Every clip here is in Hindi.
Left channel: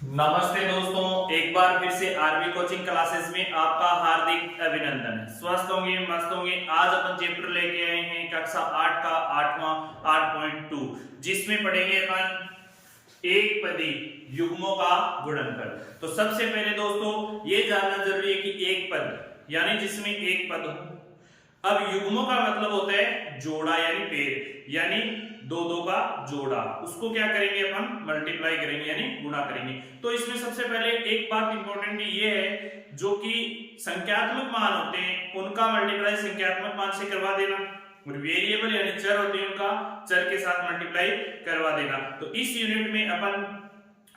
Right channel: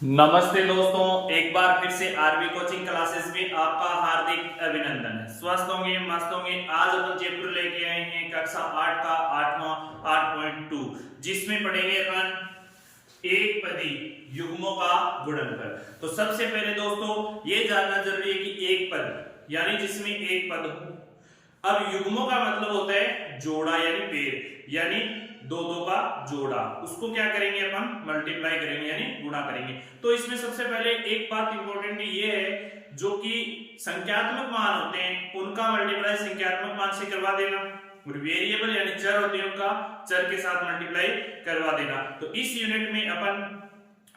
नमस्ते दोस्तों, एक बार फिर से आरबी कोचिंग क्लासेस में आपका हार्दिक अभिनंदन है। स्वस्थ होंगे, मस्त होंगे। आज अपन चैप्टर लेके आए हैं कक्षा 8 का 8वां 8.2, जिसमें पढ़ेंगे अपन एक पदी युग्मों का गुणनफल। तो सबसे पहले दोस्तों ये जानना जरूरी है कि एक पद यानी जिसमें एक पद हो। अब युग्मों का मतलब होता है जोड़ा यानी पेड़, यानी दो दो का जोड़ा। उसको क्या करेंगे अपन? मल्टीप्लाई करेंगे यानी गुणा करेंगे। तो इसमें सबसे पहले एक बात इंपॉर्टेंट ये है, जो कि संख्यात्मक मान होते हैं उनका मल्टीप्लाई संख्यात्मक मान से करवा देना, और वेरिएबल यानी चर होते हैं उनका चर के साथ मल्टीप्लाई करवा देना। तो इस यूनिट में अपन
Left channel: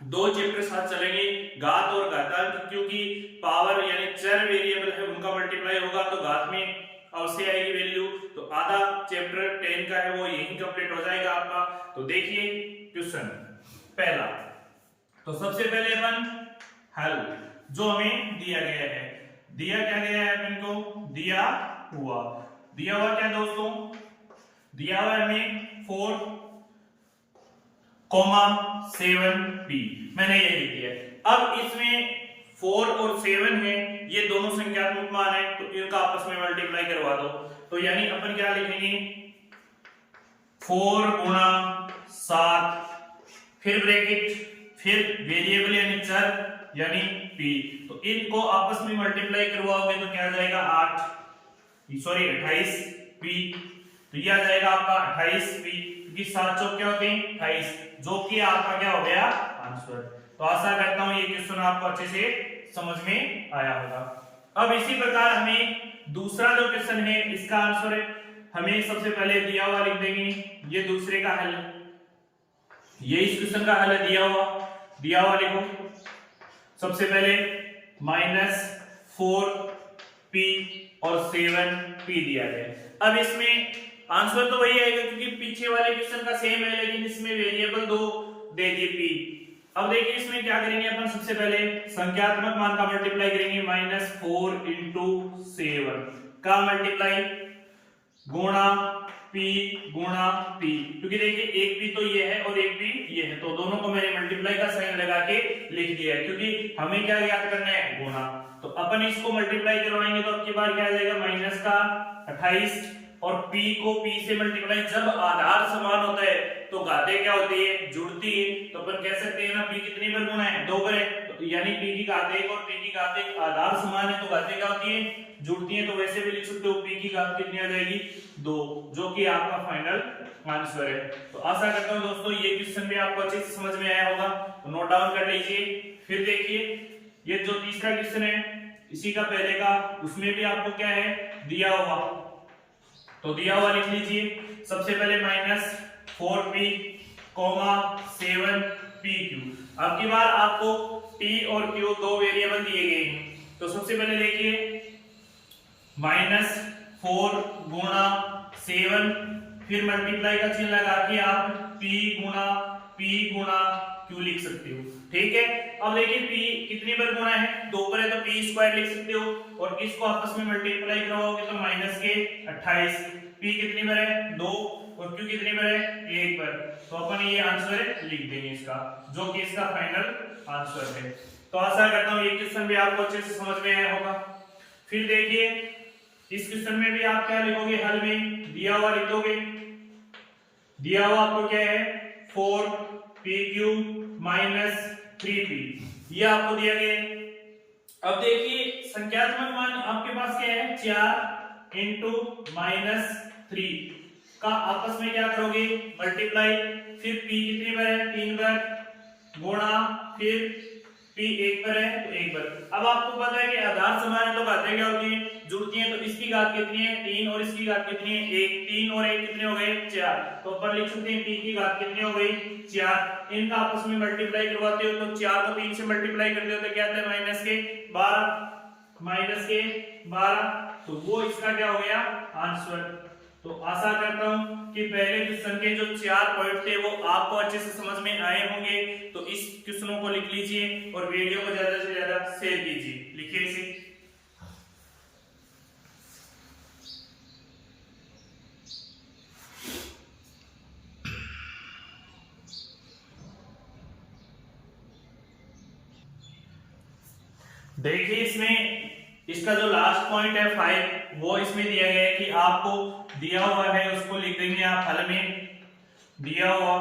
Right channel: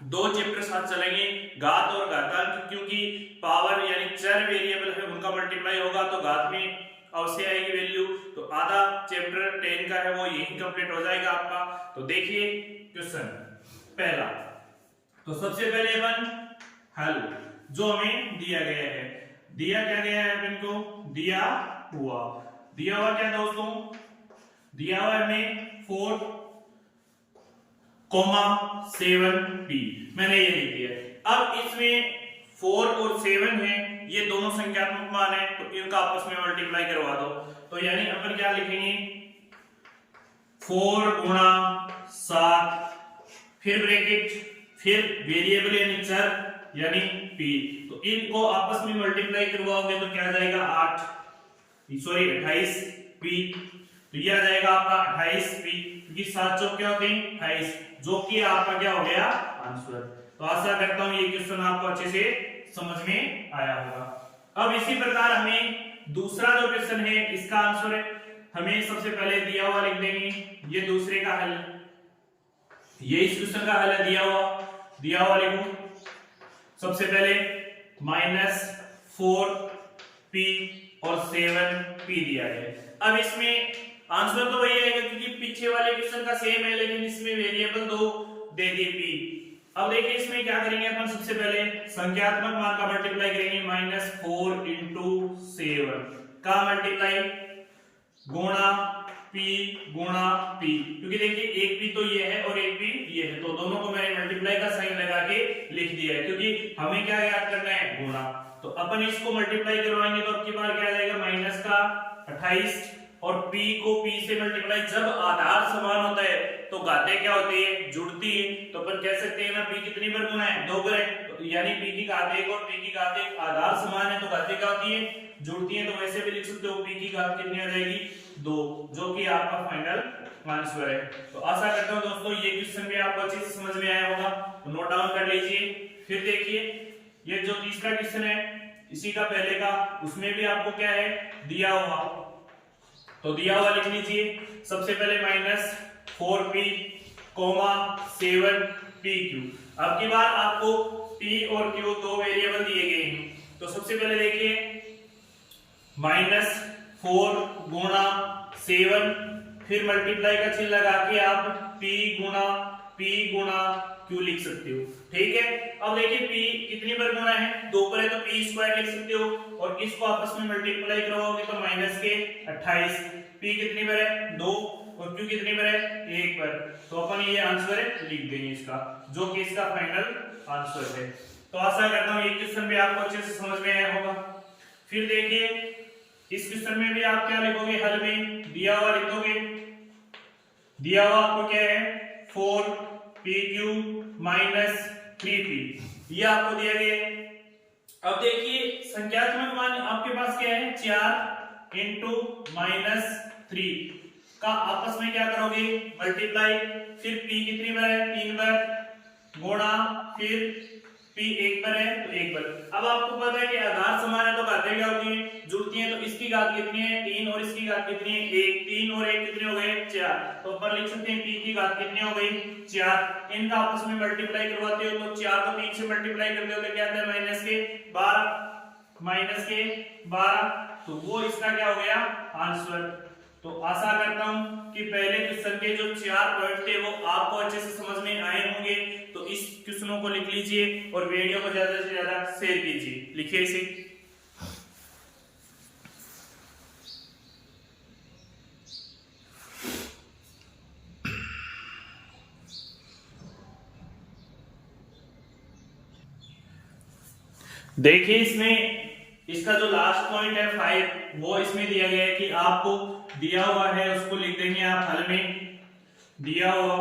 दो चैप्टर साथ चलेंगे, घात और घातांक, क्योंकि पावर यानी चर वेरिएबल है उनका मल्टीप्लाई होगा तो घात में अवश्य आएगी वैल्यू। तो आधा चैप्टर 10 का है वो यही कंप्लीट हो जाएगा आपका। तो देखिए क्वेश्चन पहला। तो सबसे पहले अपन हल जो हमें दिया गया है, दिया क्या गया है अपन को? दिया हुआ क्या दोस्तों? दिया हुआ हमें 4,7p, मैंने ये लिख दिया। अब इसमें 4 और 7 है, ये दोनों संख्यात्मक मान है, तो इनका आपस में मल्टीप्लाई करवा दो। तो यानी अपन क्या लिखेंगे? 4 गुणा 7, फिर ब्रैकेट, फिर वेरिएबल यानी चर यानी p, तो इनको आपस में मल्टीप्लाई करवाओगे तो क्या आ जाएगा? 28p। तो ये आ जाएगा आपका 28p, क्योंकि 7 चौक क्या होते हैं? 28, जो कि आपका क्या हो गया? आंसर। तो आशा करता हूं ये क्वेश्चन आपको अच्छे से समझ में आया होगा। अब इसी प्रकार हमें दूसरा जो क्वेश्चन है इसका आंसर है, हमें सबसे पहले दिया हुआ लिख देंगे, ये दूसरे का हल, ये इस क्वेश्चन का हल है। दिया हुआ लिखो। सबसे पहले -4p और 7p दिया गया। अब इसमें आंसर तो वही आएगा क्योंकि पीछे वाले क्वेश्चन का सेम है, लेकिन इसमें वेरिएबल दो दे दी p। अब देखिए इसमें क्या करेंगे अपन? सबसे पहले संख्यात्मक मान का मल्टीप्लाई करेंगे, -4 × 7 का मल्टीप्लाई गुणा p, क्योंकि देखिए एक p तो ये है और एक p ये है, तो दोनों को मैंने मल्टीप्लाई का साइन लगा के लिख दिया है, क्योंकि हमें क्या याद करना है? गुणा। तो अपन इसको मल्टीप्लाई करवाएंगे तो अब की बार क्या आ जाएगा? माइनस का 28, और p को p से मल्टीप्लाई, जब आधार समान होता है तो घातें क्या होती है? जुड़ती है। तो अपन कह सकते हैं ना, p कितनी बार गुणा है? 2 बार है, तो यानी p की घात 1 और p की घात 1 आधार समान है तो घातें क्या होती है? जुड़ती है। तो वैसे भी लिख सकते हो p की घात कितनी आ जाएगी? 2, जो कि आपका फाइनल आंसर है। तो आशा करता हूं दोस्तों ये क्वेश्चन भी आपको अच्छे से समझ में आया होगा, तो नोट डाउन कर लीजिए। फिर देखिए ये जो तीसरा क्वेश्चन है इसी का पहले का, उसमें भी आपको क्या है? दिया हुआ, तो दिया हुआ लिख लीजिए। सबसे पहले -4p, 7pq। अब की बार आपको p और q दो वेरिएबल दिए गए हैं। तो सबसे पहले देखिए -4 गुणा 7, फिर मल्टीप्लाई का चिन्ह लगा के आप p गुणा q लिख सकते हो। ठीक है। अब देखिए p कितनी बार गुणा है? 2 बार है, तो p स्क्वायर लिख सकते हो, और इसको आपस में मल्टीप्लाई करवाओगे तो -28। p कितनी बार है? 2, और q कितनी बार है? 1 बार। तो अपन ये आंसर लिख देंगे इसका, जो कि इसका फाइनल आंसर है। तो आशा करता हूं ये क्वेश्चन भी आपको अच्छे से समझ में आया होगा। फिर देखिए इस क्वेश्चन में भी आप क्या लिखोगे? हल में दिया हुआ लिखोगे। दिया हुआ आपको क्या है? 4pq -3p, ये आपको दिया गया है। अब देखिए संख्यात्मक मान आपके पास क्या है? 4 × -3 का आपस में क्या करोगे? मल्टीप्लाई, फिर p कितनी बार है? 3 बार, गुणा, फिर p 1 बार है तो 1 बार। अब आपको पता है कि आधार समान है तो घातें क्या होती हैं? जुड़ती हैं। तो इसकी घात कितनी है? 3, और इसकी घात कितनी है? 1। 3 और 1 कितने हो गए? 4। तो अपन लिख सकते हैं p की घात कितनी हो गई? 4। इनका आपस में मल्टीप्लाई करवाते हो तो 4 को 3 से मल्टीप्लाई करते हो तो क्या आता है? -12, तो वो इसका क्या हो गया? आंसर। तो आशा करता हूं कि पहले क्वेश्चन के जो 4 पॉइंट थे वो आपको अच्छे से समझ में आए होंगे। तो इस क्वेश्चनों को लिख लीजिए और वीडियो को ज्यादा से ज्यादा शेयर कीजिए। लिखिए इसे। देखिए इसमें इसका जो लास्ट पॉइंट है 5 वो इसमें दिया गया है कि आपको दिया हुआ है उसको लिख देंगे आप हल में। दिया हुआ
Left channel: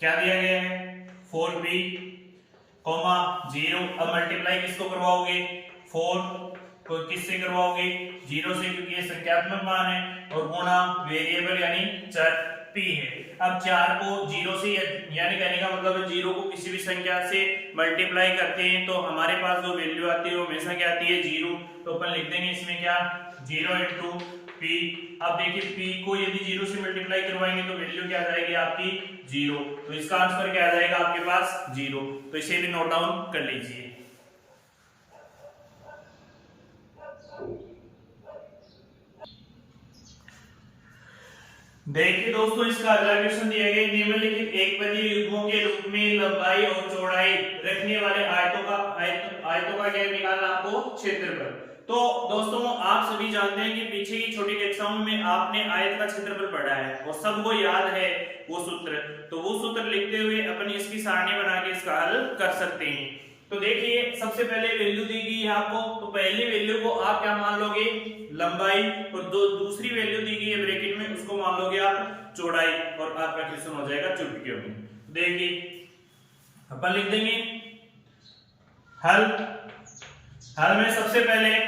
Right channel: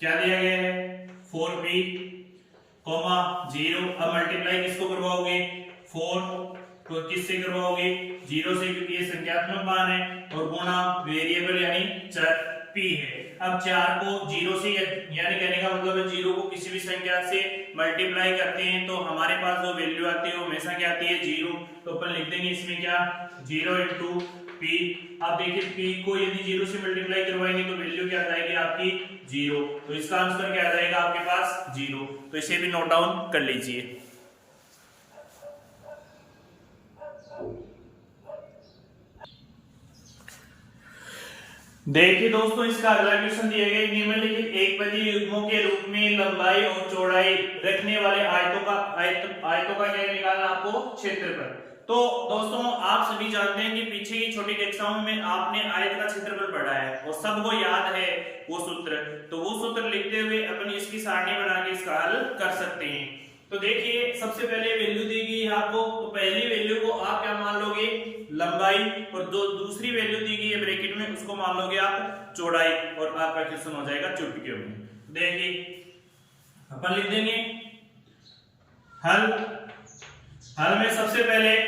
क्या दिया गया है 4p, 0। अब मल्टीप्लाई किसको करवाओगे 4 को किससे करवाओगे 0 से, क्योंकि ये संख्यात्मक मान है, और गुणा वेरिएबल यानी चर p है। अब 4 को 0 से यानी कहने का मतलब है 0 को किसी भी संख्या से मल्टीप्लाई करते हैं तो हमारे पास जो वैल्यू आती है वो हमेशा क्या आती है 0। तो अपन लिख देंगे इसमें क्या 0 इंटू p। अब देखिए p को यदि 0 से मल्टीप्लाई करवाएंगे तो वैल्यू क्या आ जाएगी आपकी 0, तो इसका आंसर क्या आ जाएगा आपके पास 0। तो इसे भी नोट डाउन कर लीजिए। देखिए दोस्तों इसका अगला क्वेश्चन दिया गया निम्नलिखित एक पदी युग्मों के रूप में लंबाई और चौड़ाई रखने वाले आयतों का क्या निकालना आपको क्षेत्रफल। तो दोस्तों आप सभी जानते हैं कि पीछे की छोटी कक्षाओं में आपने आयत का क्षेत्रफल पढ़ा है और सबको याद है वो सूत्र, तो वो सूत्र लिखते हुए अपन इसकी सारणी बना के इसका हल कर सकते हैं। तो देखिए सबसे पहले वैल्यू दी गई है आपको, तो पहली वैल्यू को आप क्या मान लोगे लंबाई, और दूसरी वैल्यू दी गई है ब्रैकेट में उसको मान लोगे आप चौड़ाई, और आपका क्वेश्चन हो जाएगा चुटकियों में। देखिए अपन लिख देंगे हल। हल में सबसे पहले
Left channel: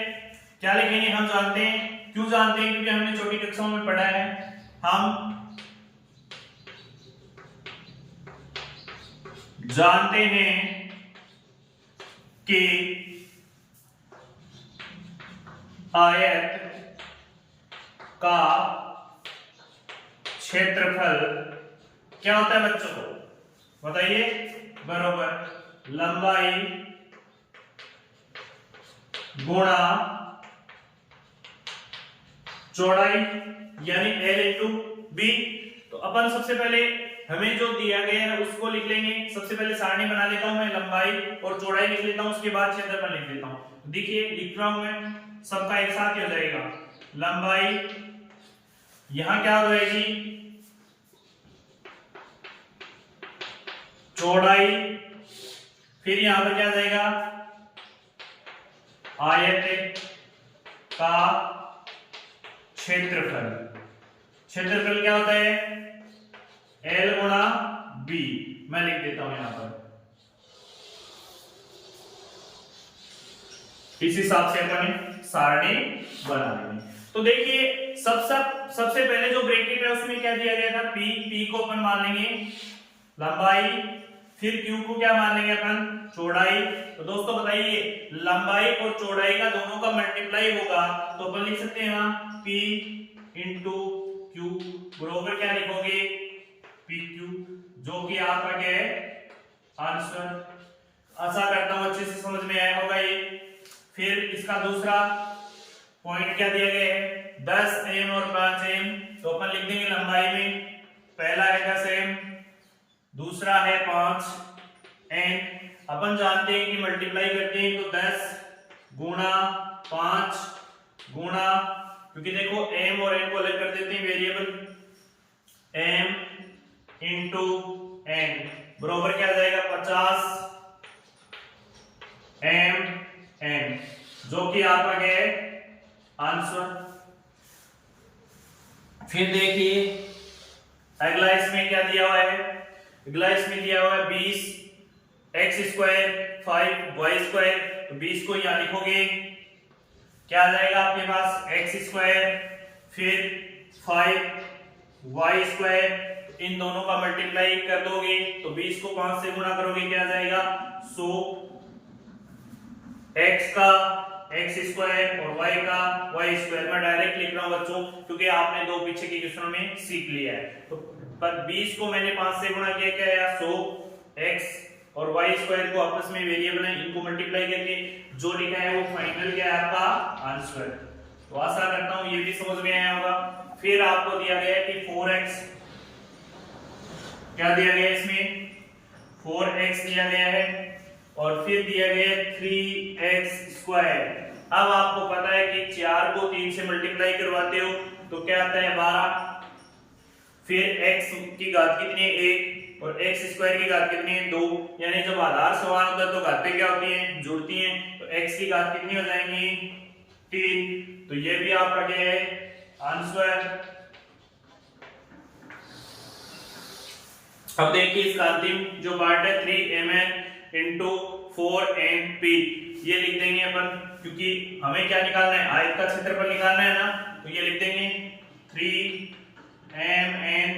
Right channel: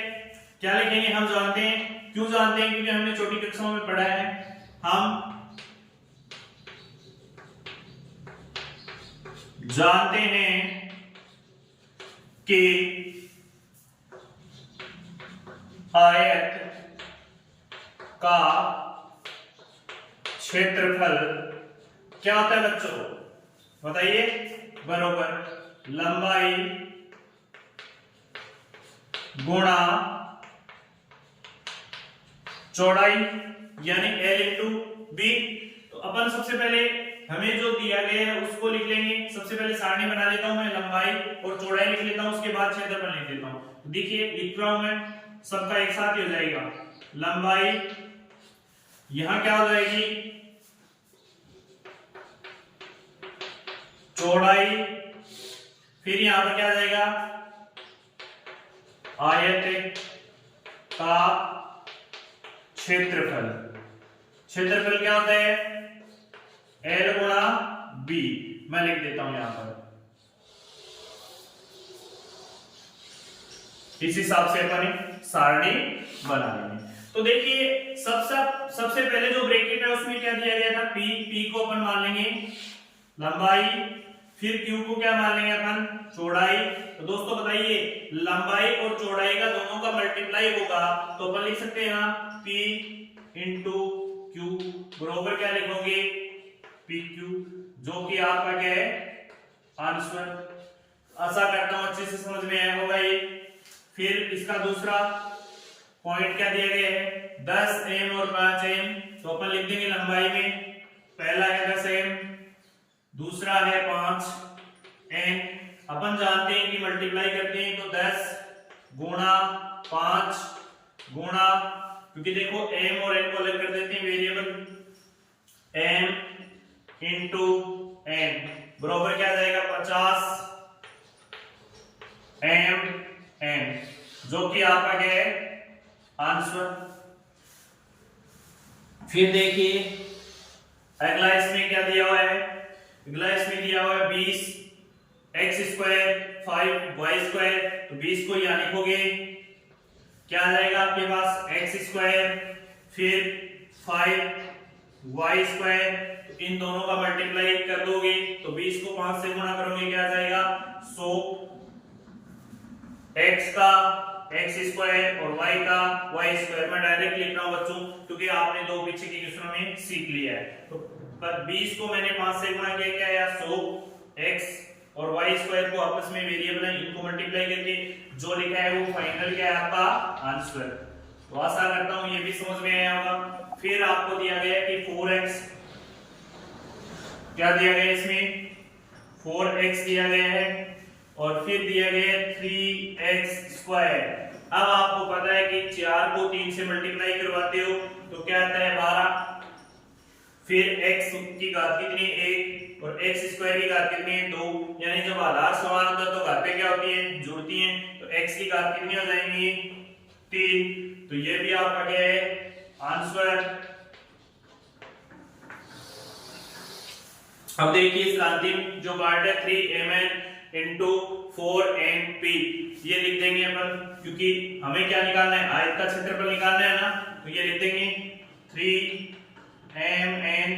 क्या लिखेंगे हम जानते हैं, क्यों जानते हैं क्योंकि हमने छोटी कक्षाओं में पढ़ा है। हम जानते हैं कि आयत का क्षेत्रफल क्या होता है बच्चों, तो बताइए बरोबर लंबाई गुणा चौड़ाई यानी L इंटू बी। तो अपन सबसे पहले हमें जो दिया गया है उसको लिख लेंगे। सबसे पहले सारणी बना लेता हूं मैं, लंबाई और चौड़ाई लिख लेता हूं, उसके बाद क्षेत्रफल लिख लेता हूं। देखिए लिख रहा हूं मैं, सबका एक साथ ही हो जाएगा। लंबाई यहां क्या हो जाएगी चौड़ाई, फिर यहां पर क्या आ जाएगा आयत का क्षेत्रफल। क्षेत्रफल क्या होता है L गुणा B, मैं लिख देता हूं यहां पर। इस हिसाब से अपन सारणी बना लेंगे। तो देखिए सबसे पहले जो ब्रैकेट है उसमें क्या दिया गया था P को अपन मान लेंगे लंबाई, फिर Q को क्या मान लेंगे अपन चौड़ाई। तो दोस्तों बताइए लंबाई और चौड़ाई का दोनों का मल्टीप्लाई होगा तो अपन लिख सकते हैं ना P इंटू Q बरोबर क्या लिखोगे PQ, जो कि आपका क्या है आंसर। आशा करता हूं अच्छे से समझ में आया होगा ये। फिर इसका दूसरा पॉइंट क्या दिया गया है 10 m और 5 m, तो अपन लिख देंगे लंबाई में पहला है 10 m, दूसरा है 5 n। अपन जानते हैं कि मल्टीप्लाई करते हैं तो 10 गुणा 5 गुणा, क्योंकि देखो m और n को अलग कर देते हैं वेरिएबल, m इंटू n बराबर क्या आ जाएगा 50 m n, जो कि आपका क्या है आंसर। फिर देखिए अगला इसमें क्या दिया हुआ है, अगला इसमें दिया हुआ है 20 x स्क्वायर 5 y स्क्वायर, तो 20 को यहां लिखोगे क्या आ जाएगा आपके पास x स्क्वायर, फिर 5 y स्क्वायर, इन दोनों का मल्टीप्लाई कर दोगे तो 20 को 5 से गुणा करोगे क्या आ जाएगा 100, x का x स्क्वायर और y का y स्क्वायर। मैं डायरेक्ट लिख रहा हूं बच्चों क्योंकि आपने दो पीछे के क्वेश्चनों में सीख लिया है। तो 20 को मैंने 5 से गुणा किया क्या आया 100, x और y स्क्वायर को आपस में वेरिएबल है इनको मल्टीप्लाई करके जो लिखा है वो फाइनल क्या है आपका आंसर। तो आशा करता हूं ये भी समझ में आया होगा। फिर आपको दिया गया है कि 4x, क्या दिया गया इसमें 4x दिया गया है, और फिर दिया गया 3x स्क्वायर। अब आपको पता है कि 4 को 3 से मल्टीप्लाई करवाते हो तो क्या आता है 12, फिर x की घात कितनी है 1 और x स्क्वायर की घात कितनी है 2, यानी जब आधार समान होता है तो घातें क्या होती हैं जुड़ती हैं। तो x की घात कितनी हो जाएंगी 3। तो ये भी आपका क्या है आंसर। अब देखिए इसका अंतिम जो पार्ट है 3mn इंटू 4np ये लिख देंगे अपन, क्योंक't हमें क्या निकालना है आयत का क्षेत्रफल निकालना है ना, तो ये लिख देंगे 3mn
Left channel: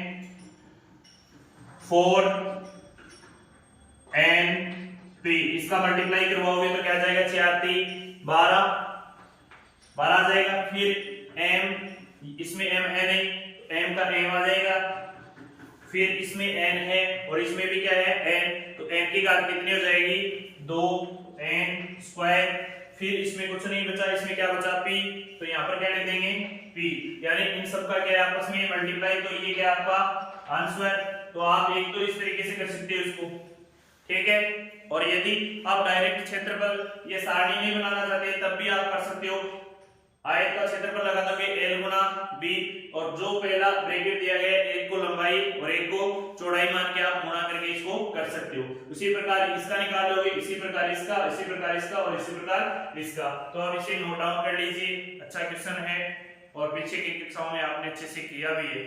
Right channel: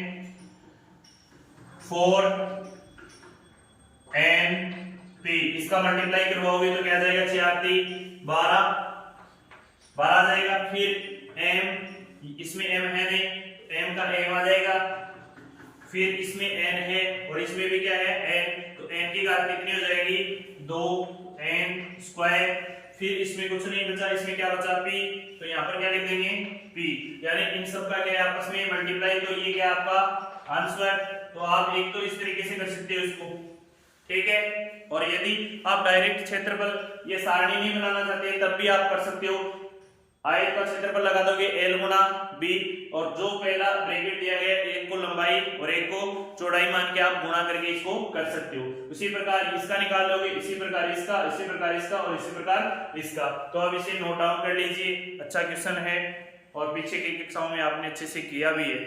4np इसका मल्टीप्लाई करवाओगे तो क्या जाएगा 4×3 12 आ जाएगा। फिर m इसमें m है नहीं, m का m आ जाएगा। फिर इसमें n है और इसमें भी क्या है n, तो n की घात कितनी हो जाएगी 2n²। फिर इसमें कुछ नहीं बचा, इसमें क्या बचा p, तो यहाँ पर क्या लिख देंगे p, यानी इन सब का क्या है आपस में मल्टीप्लाई, तो ये क्या आपका आंसर। तो आप एक तो इस तरीके से कर सकते हो इसको, ठीक है। और यदि आप डायरेक्ट क्षेत्रफल ये सारणी नहीं बनाना चाहते तब भी आप कर सकते हो। आयत का क्षेत्रफल लगा दोगे l गुना b और जो पहला ब्रैकेट दिया गया एक को लंबाई और एक को चौड़ाई मान के आप गुणा करके इसको कर सकते हो। उसी प्रकार इसका निकाल लोगे, इसी प्रकार इसका, इसी प्रकार इसका और इसी प्रकार इसका। तो आप इसे नोट डाउन कर लीजिए, अच्छा क्वेश्चन है और पीछे की कक्षाओं में आपने अच्छे से किया भी है।